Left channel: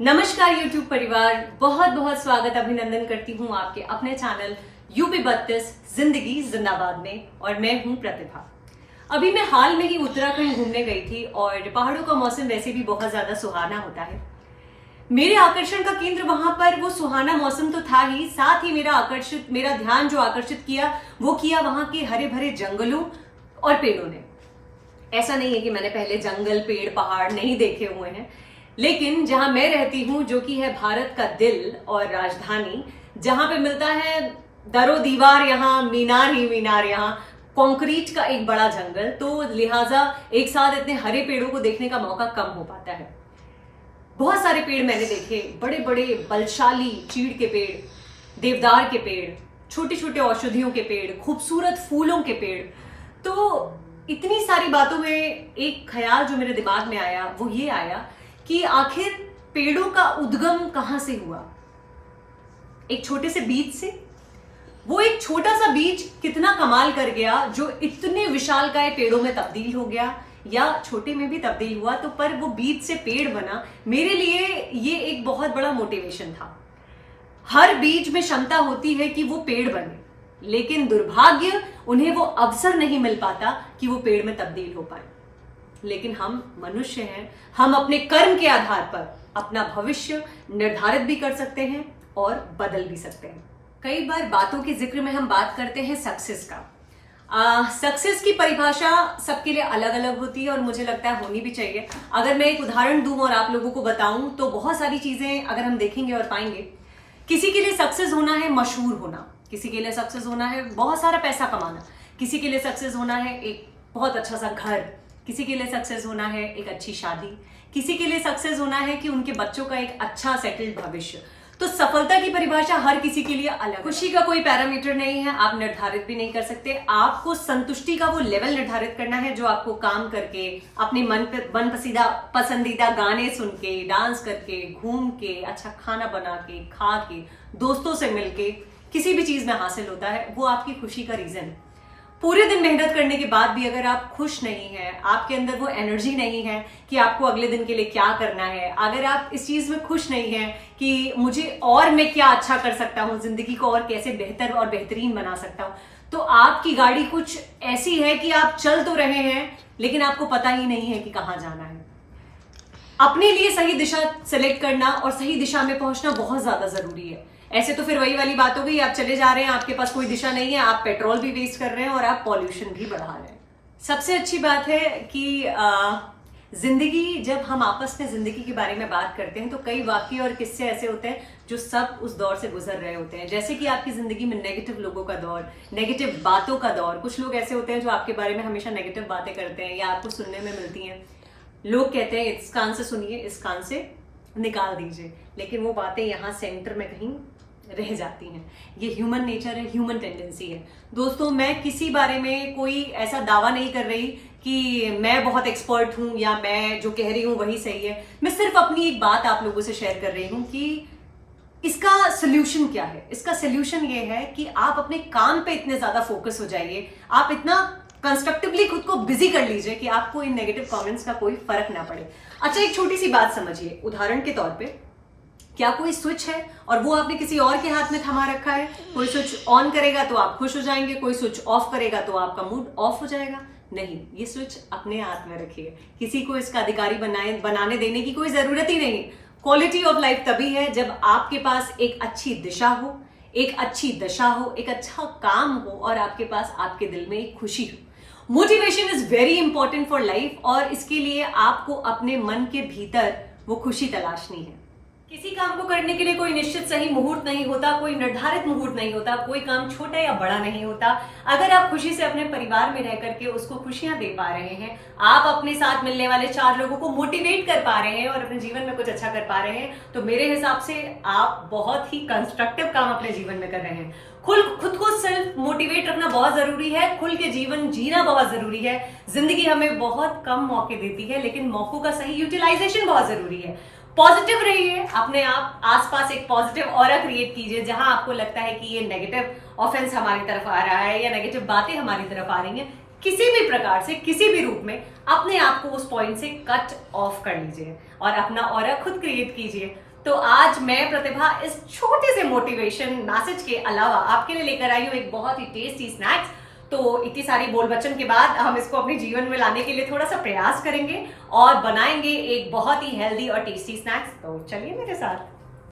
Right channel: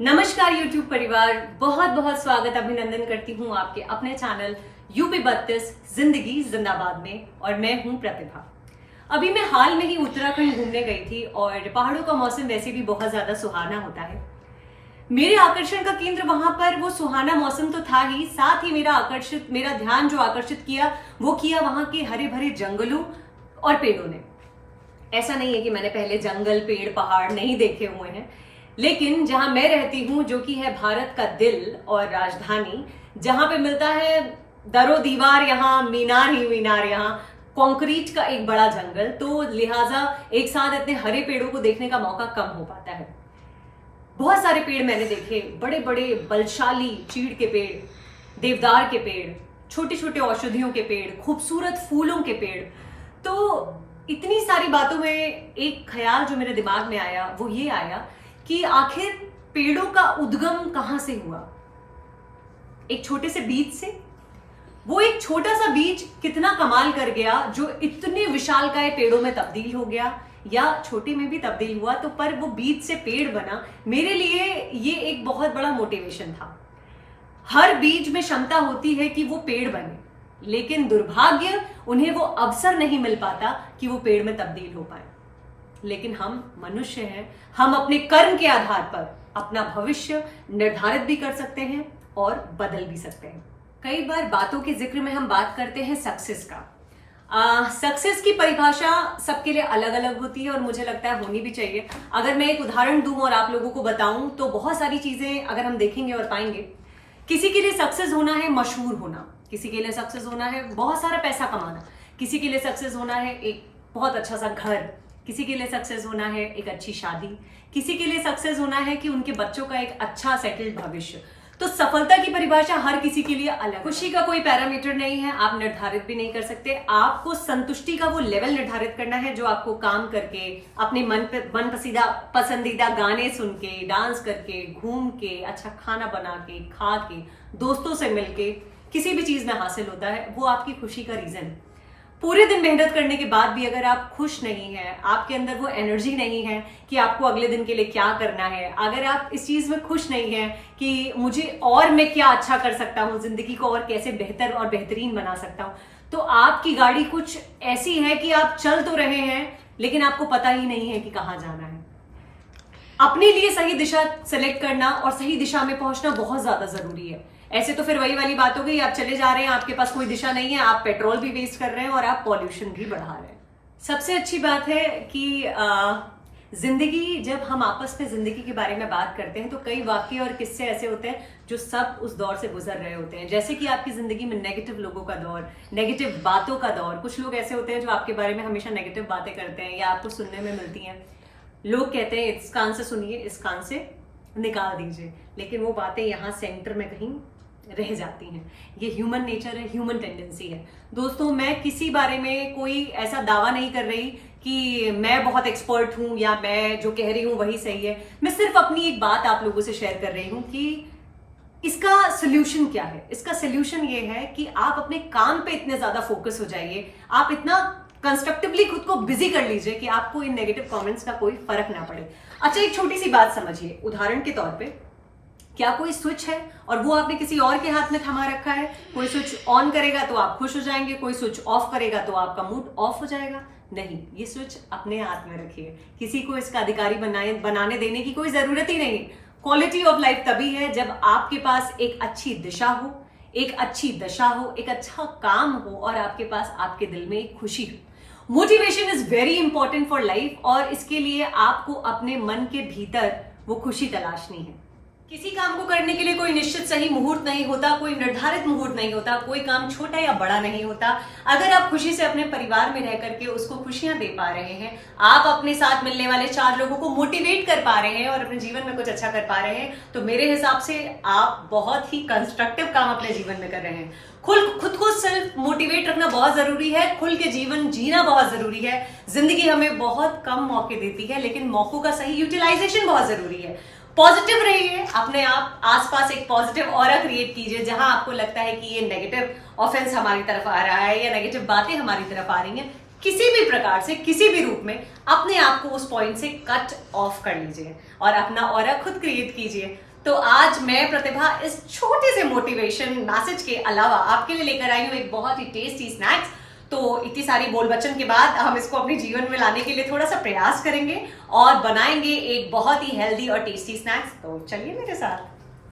नमस्कार YouTube परिवार, बहुत बहुत स्वागत अभिनंदन करती हूँ आपके अपने चैनल यूपी 32 जिंदगी जिंदाबाद में। और मैं हूँ प्रतिभा। अभी मैं हाल में ही उत्तराखंड घूमने गई थी और पहाड़ों का मौसम वैसे भी बहुत ज्यादा सुहाना होता है। मेरे आकर्षण का केंद्र वहां पर वो सुहाना मौसम तो था ही, साथ ही मेरा ध्यान जो आकर्षित किया वो किया वहां के हरे भरे जंगलों और पेड़ों ने। ऐसा नहीं है कि मैंने पहले जंगल, पेड़, पहाड़ नहीं देखे हुए हैं, लेकिन जहां मैं रहती हूं जो कि है भारत का दिल और राजधानी, जहां पे मिलता है दरो दीवार, यहाँ मीनार ही मीनार, यहाँ कंक्रीट का एक बड़ा जंगल, तो लिहाजा एक साथ इतने हरे पेड़ों को देखने का मौका कम हो पाता है। बहुत सारे पेड़ मैंने देखे, बड़े बड़े बलशाली चीड़ के पेड़, देवदार के पेड़, छोटे छोटे औषधियों के पेड़, खूबसूरत फूलों के पेड़। तो इतनी सारी बातों में एक ख्याल जो मेरे दिमाग में आया वो ये आया कि आखिर पेड़ों का उद्गम कहां से हुआ। एक छोटे से बीज से। वो एक छोटा सा बीज कितना कमाल कर गया जो इतने विशालकाय पेड़ों में तब्दील हो गया, या छोटे में भी तब्दील हुआ तो पर वो बीज से पेड़ बना। मेरे लिए ये एक बहुत बड़ा मोटिवेशन था। हर बीज में क्षमता होती है कि वो पेड़ बने, लेकिन दुर्भाग्य उन्हें वो अवसर नहीं मिल पाता कि वो पेड़ में तब्दील हो पाए। लेकिन हम मनुष्य हैं, हम अपने कर्म के आधार पर अपना भविष्य निर्धारित भी कर सकते हैं और बदल भी सकते हैं। कई बार बातों के जिक्र में हम बात करते हैं सक्सेस का। सक्सेस की परिभाषा सबके लिए अलग अलग होती है और मुझे लगता है होनी भी चाहिए। अगर मैं एक उदाहरण दूं और आप लोगों को बताऊं तो बहुत सारी चीजें अगर हम देखेंगे और पाएंगे। किसी के लिए सक्सेस होना है मशहूर होना, किसी के लिए सक्सेस होना है बहुत सारा पैसा कमाना, किसी के लिए सक्सेस होना है एक बहुत अच्छा सा घर, किसी के लिए सक्सेस होना है एक अच्छी शादी, किसी के लिए सक्सेस होना है कि उनके बच्चों का एक अच्छा सेटल्ड भविष्य। तो सफलता की परिभाषा हर किसी के लिए अलग। खुशी का कोई पैरामीटर नहीं है, आप निर्धारित भी नहीं कर सकते। आपको संतुष्टि का वो लेवल निर्धारित करना है जो आपको काम करके, अपने मन पसंदीदा गाने सुन के, डांस करके, घूम के, अच्छा खाना बना के, खा के, दोस्तों से मिलके किसी भी चीज में हासिल होता है। वो आपकी खुशी का रीजन है। पूरे दिन मेहनत करने के बाद भी अगर आप खुश नहीं हैं, आपके अंदर वो एनर्जी नहीं है कि आपको अगले दिन के लिए क्या करना है, अगर आप इस चीज में खुश नहीं हैं कि मुझे और मैं क्या अच्छा कर सकता हूँ, जिंदगी को और कैसे बेहतर और बेहतरीन बना सकता हूँ, तो आपकी गाड़ी कुछ ऐसी है कि आप चल तो रहे हैं लेकिन आपको पता ही नहीं है कि कहाँ जाना है। अपने लिए सही दिशा सेलेक्ट करना और सही दिशा में पहुंचना बहुत ज्यादा जरूरी है। ऐसे तो फिर वही वाली बात हो गई, आप चले जा रहे हैं, आपके पास कोई दिशा नहीं है, आप पेट्रोल भी वेस्ट कर रहे हैं और आप पॉल्यूशन भी बढ़ा रहे हैं। सबसे अच्छी बात है कि जिंदगी, जब हम आपस में जिंदगी के बारे में बात करते हैं तो कई वाक्य और किस्से ऐसे होते हैं जो सब उस दौर से गुजर रहे होते हैं। जैसे कि आपकी जिंदगी में नेगेटिव लोगों का दौर, नेगेटिव बातों का दौर। कुछ लोग ऐसे होते हैं जो आपके बारे में हमेशा नेगेटिव बातें करते हैं या आपको सुनने में मिलती हैं। लोग कहते हैं इस कान से सुनिए, इस कान से निकाल दीजिए, लेकिन वो बातें यहाँ सेंटर में कहीं रह जाती हैं। ये ह्यूमन नेचर है, ह्यूमन टेंडेंसी है। दोस्तों, मैं किसी बारे में कोई ऐसा दावा नहीं कर रही कि मैं बहुत एक्सपर्ट हूं या मैं जो कह रही हूं वही सही है। मैं सिर्फ अपनी एक बात आप लोगों से शेयर कर रही हूं कि इसका सोल्यूशन क्या है। इसका सोल्यूशन ये है कि आप अपने काम पे इतने ज्यादा फोकस हो जाइए, आप इतना कंस्ट्रक्टिवली खुद को बिजी कर लीजिए कि आपको इन नेगेटिव कमेंट्स का कोई फर्क ना पड़े। अच्छा, एक छोटी सी बात समझिए। उदाहरण के तौर पे, क्या कोई स्विच है और वो आपने किसी और के हाथ में थमा रखा है? कोई स्विच ऑन करेगा तो आप खुश हो जाएंगे, कोई स्विच ऑफ करेगा तो आपका मूड ऑफ हो जाएगा? नहीं, ये स्विच अपने हाथ में रखिए। किसी को इसका अधिकारी बनाने देने की कोई जरूरत ही नहीं। क्वालिटी ऑफ लाइफ तभी है जब आपके पास एक अच्छी दिशा हो, एक अच्छी दशा हो, एक अच्छा काम हो और आपके पास आपके दिल में एक खुशी हो। Motivation is very important for life और इसके लिए आपको अपने मन के भीतर वो खुशी तलाशनी है। किसी काम को करने के लिए कोई निश्चित सही मुहूर्त नहीं होता, कोई निर्धारित मुहूर्त नहीं होता, कोई काम छोटा या बड़ा नहीं होता। अगर आप खुशी से अपने परिवार में रह करके उसको खुशियां दे पा रहे हैं, आप अपने साथ मिलने वाले 4 लोगों को मोटिवेट कर पा रहे हैं और अपने जीवन में कुछ अच्छा कर पा रहे हैं, तो मेरे हिसाब से आप बहुत ही कंस्ट्रक्टिव काम अपने जीवन में कर रहे हैं। खुद को सेल्फ मोटिवेट रखना बहुत जरूरी है, खुल के जीवन जीना बहुत जरूरी है। जिंदगी हमें बहुत कम मौके देती है, लेकिन मौकों का सही यूटिलाइजेशन बहुत जरूरी है। पॉजिटिव रहिए, अपने आप आसपास एक पॉजिटिव ऑरा क्रिएट कीजिए। जहां आपको लगता है कि ये नेगेटिव ऑफेंस हमारी तरफ आ रहा है या नेगेटिव बातें हमारी तरफ आ रही हैं, किसी भी प्रकार से, किसी भी रूप में अपने आप को उस पॉइंट से कट ऑफ कर लीजिए और अपना ऑरा खुद क्रिएट कीजिए। तो आज मैं प्रतिभा इस छोटे से मोटिवेशन मैसेज के अलावा आपके लिए लेकर आई हूँ एक बहुत ही टेस्टी स्नैक्स। तो इतनी सारी बोल बच्चन के बाद हम इसको अपने जीवन में लाने के लिए थोड़ा सा प्रयास करेंगे और बनाएंगे एक बहुत ही हेल्दी और टेस्टी स्नैक्स। तो चलिए मेरे साथ।